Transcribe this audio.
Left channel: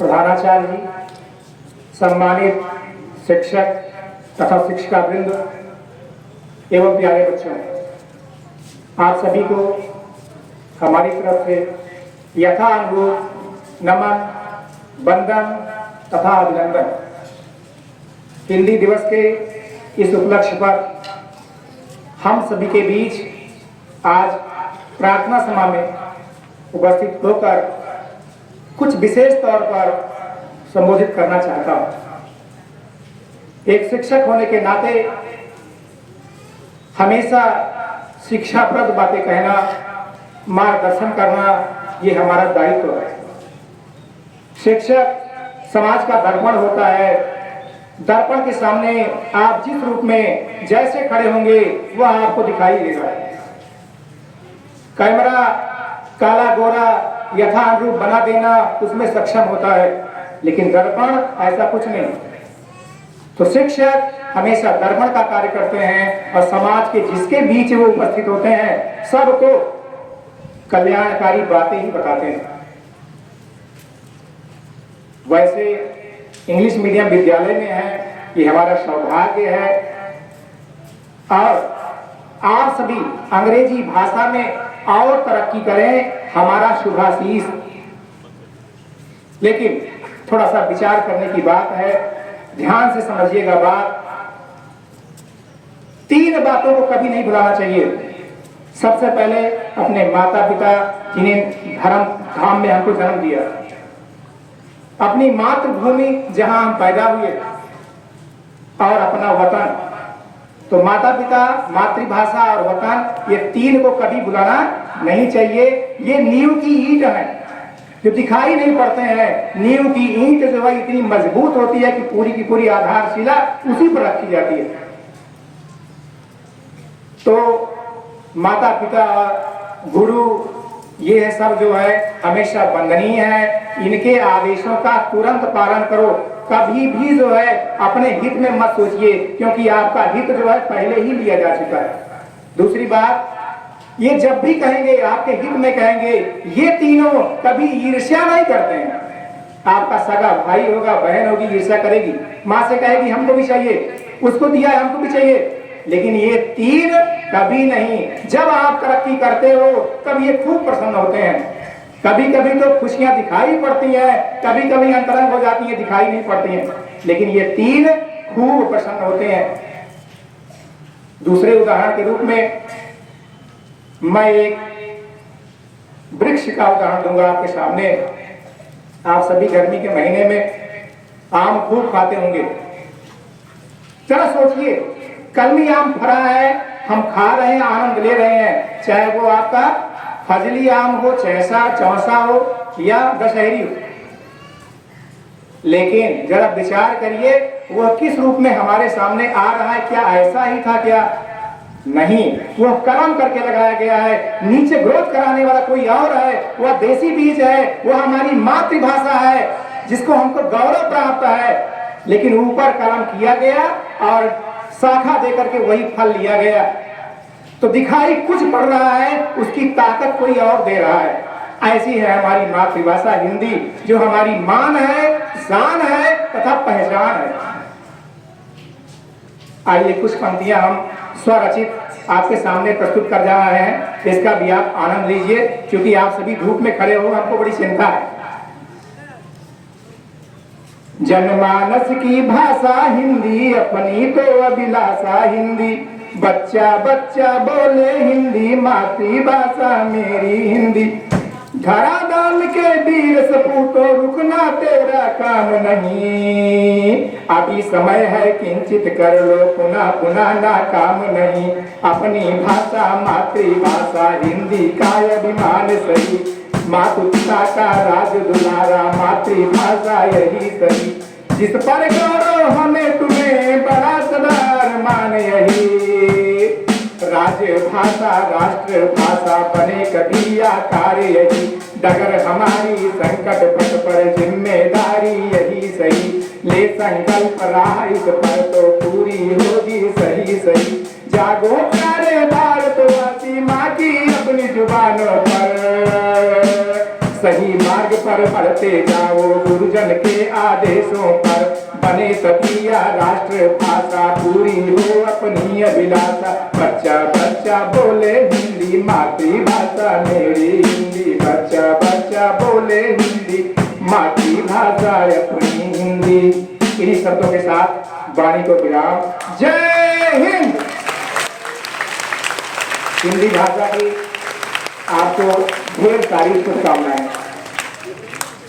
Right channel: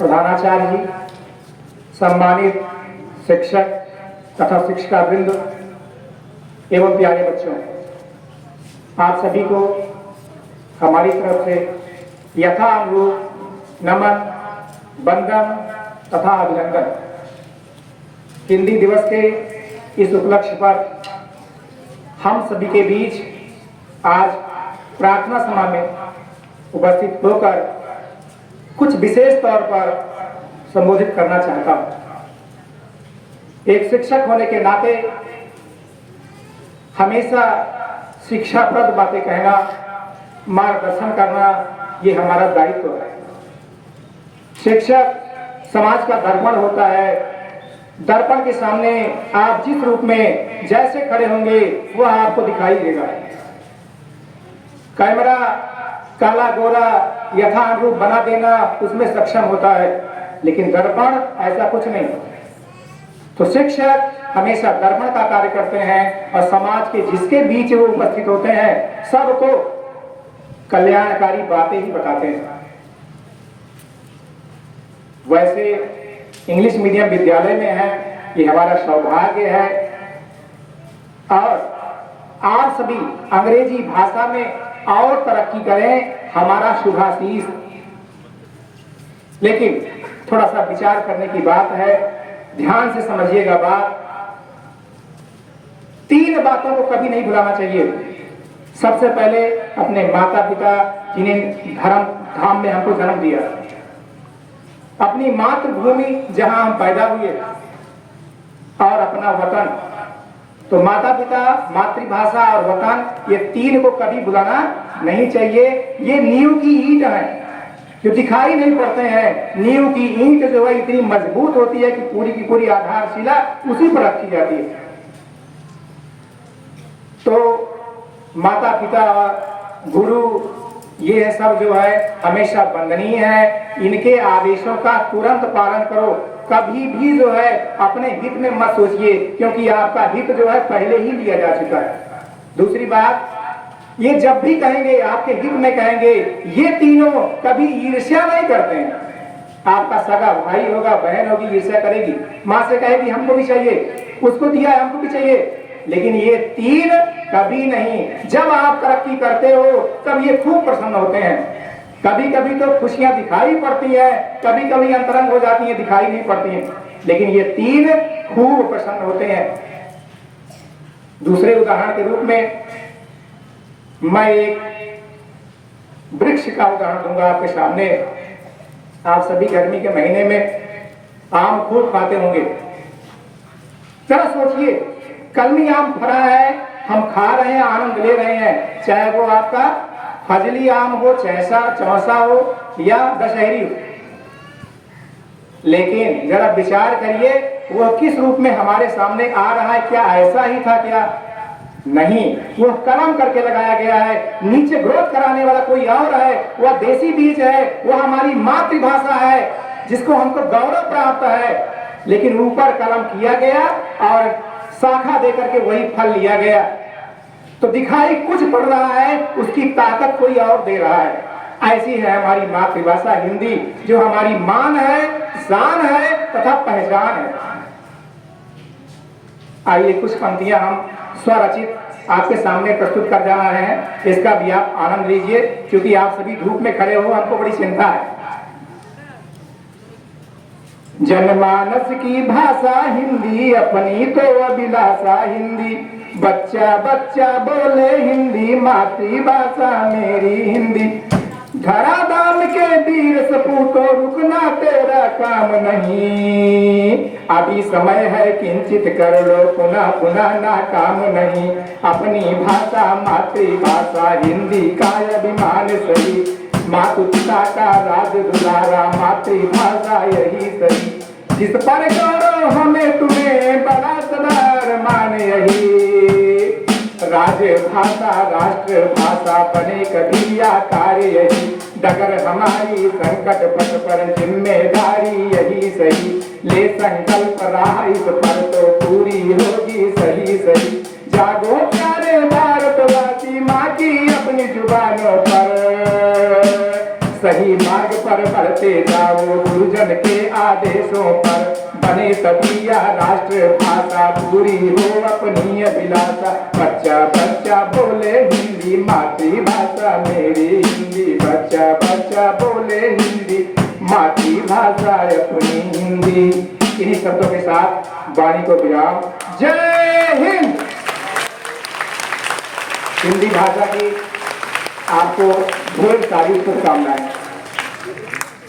प्रधानाचार्य जी, सम्मानित शिक्षक तथा शिक्षिका वृंद एवं प्यारे बच्चों, आप सभी को हमारी तरफ से यथानुरूप नमन, वंदन तथा अभिनंदन। हिंदी दिवस के इस उपलक्ष्य पर हम सभी के बीच आज प्रार्थना सभा में उपस्थित होकर कुछ विशेष तौर पर संबोधित करना चाहता हूं। एक शिक्षक होने के नाते हमेशा शिक्षाप्रद बातें कहना, मार्गदर्शन करना, ये हमारा दायित्व है। शिक्षक समाज का दर्पण होता है। दर्पण के सामने आप जिस रूप में जैसे खड़े होंगे वह आपको दिखाई देगा। कैमरा काला गोरा यथानुरूप बना देना उसमें सक्षम होता है, लेकिन दर्पण ऐसा कुछ नहीं। तो शिक्षक हमेशा दर्पण का कार्य करते हैं और समाज के जिसके बीच वो उपस्थित होते हैं सबको कल्याणकारी बातें ही बताते हैं। वैसे इंग्लिश मीडियम विद्यालय में है, ये हमारा सौभाग्य है। और आप सभी अंग्रेजी भाषा में और तरक्की करें, हमारा शुभाशीष। लेकिन थोड़ा सा विचार करने की बात है, ध्यान से समझिएगा बात। 3 बातों को कभी नहीं भुलाना चाहिए। सबसे पहले अपने माता पिता जिन्हें धर्म धाम में हमको जन्म दिया, अपनी मातृभूमि जहां हम पैदा हुए, और अपना वतन। तो माता पिता, मातृभाषा और वतन, ये 3 को कभी भुलाना नहीं चाहिए। ये नींव की ईंट है जो दिखाई नहीं पड़ते हैं। नींव की ईंट जो है इतनी मजबूत होती है कि पूरी की पूरी आधारशिला उसी पर रखी जाती है। तो माता पिता, गुरु, ये सब जो है हमेशा वंदनीय है। इनके आदेशों का तुरंत पालन करो। कभी भी जो है अपने हित में मत सोचिए, क्योंकि आपका हित जो है पहले ही लिया जा चुका है। दूसरी बात, ये जब भी कहेंगे आपके हित में कहेंगे, ये तीनों कभी ईर्ष्या नहीं करते हैं। आपका सगा भाई होगा, बहन होगी, ईर्ष्या करेगी, माँ से कहेगी हमको भी चाहिए, उसको दिया हमको भी चाहिए। लेकिन ये 3 कभी नहीं। जब आप तरक्की करते हो तब ये खूब प्रसन्न होते हैं। कभी कभी तो खुशियां दिखाई पड़ती है, कभी कभी अंतरंग हो जाती है, दिखाई नहीं पड़ती है, लेकिन ये 3 खूब प्रसन्न होते हैं। दूसरे उदाहरण के रूप में मैं एक वृक्ष का उदाहरण दूंगा आपके सामने। आप सभी गर्मी के महीने में आम खूब खाते होंगे। जरा सोचिए, कलमी आम फरा है, हम खा रहे हैं, आनंद ले रहे हैं, चाहे वो आपका फजली आम हो, चौसा हो या दशहरी हो। लेकिन जरा विचार करिए, वह किस रूप में हमारे सामने आ रहा है। क्या ऐसा ही था क्या? नहीं, वह कर्म करके लगाया गया है। नीचे ग्रोथ कराने वाला कोई और है। वह देसी बीज है, वह हमारी मातृभाषा है जिसको हमको गौरव प्राप्त है। लेकिन ऊपर कर्म किया गया और शाखा देकर के वही फल लिया गया। तो दिखाई कुछ पड़ रहा है, उसकी ताकत कोई और दे रहा है। ऐसी है हमारी मातृभाषा हिंदी, जो हमारी मान है, शान है तथा पहचान है। आइए कुछ पंक्तियां हम स्वरचित आपके सामने प्रस्तुत कर जा रहे हैं, इसका भी आप आनंद लीजिए, क्योंकि आप सभी धूप में खड़े हो, हमको बड़ी चिंता है। जनमानस की भाषा हिंदी, अपनी तो अभिलाषा हिंदी। बच्चा बच्चा बोले हिंदी, मातृभाषा मेरी हिंदी। धरा दाल के वीर सपूतो, रुकना तेरा काम नहीं। अभी समय है किंचित कर लो, पुनः पुनः ना काम नहीं। अपनी भाषा मातृभाषा हिंदी का अभिमान सही। मातु पिता का राज दुलारा, मातृभाषा यही सही। जिस पर गौरव हमें तुम्हें बड़ा सदार मान यही। राजभाषा राष्ट्र भाषा बने कभी आकार यही। डगर हमारी संकट पथ पर जिम्मेदारी यही सही। ले संकल्प राह इस पर तो पूरी होगी सही सही। जागो प्यारे भारतवासी, माँ की अपनी जुबानों पर। सही मार्ग पर बढ़ते जाओ, गुरुजन जीवन के आदेशों पर बने तभी यह राष्ट्र भाषा पूरी हो अपनी अभिलाषा। बच्चा बच्चा बोले हिंदी मातृभाषा मेरी हिंदी, बच्चा बच्चा बोले हिंदी मातृभाषा अपनी हिंदी। इन्हीं शब्दों के साथ वाणी को विराम। जय हिंद। हिंदी भाषा की आपको ढेर सारी शुभकामनाएं।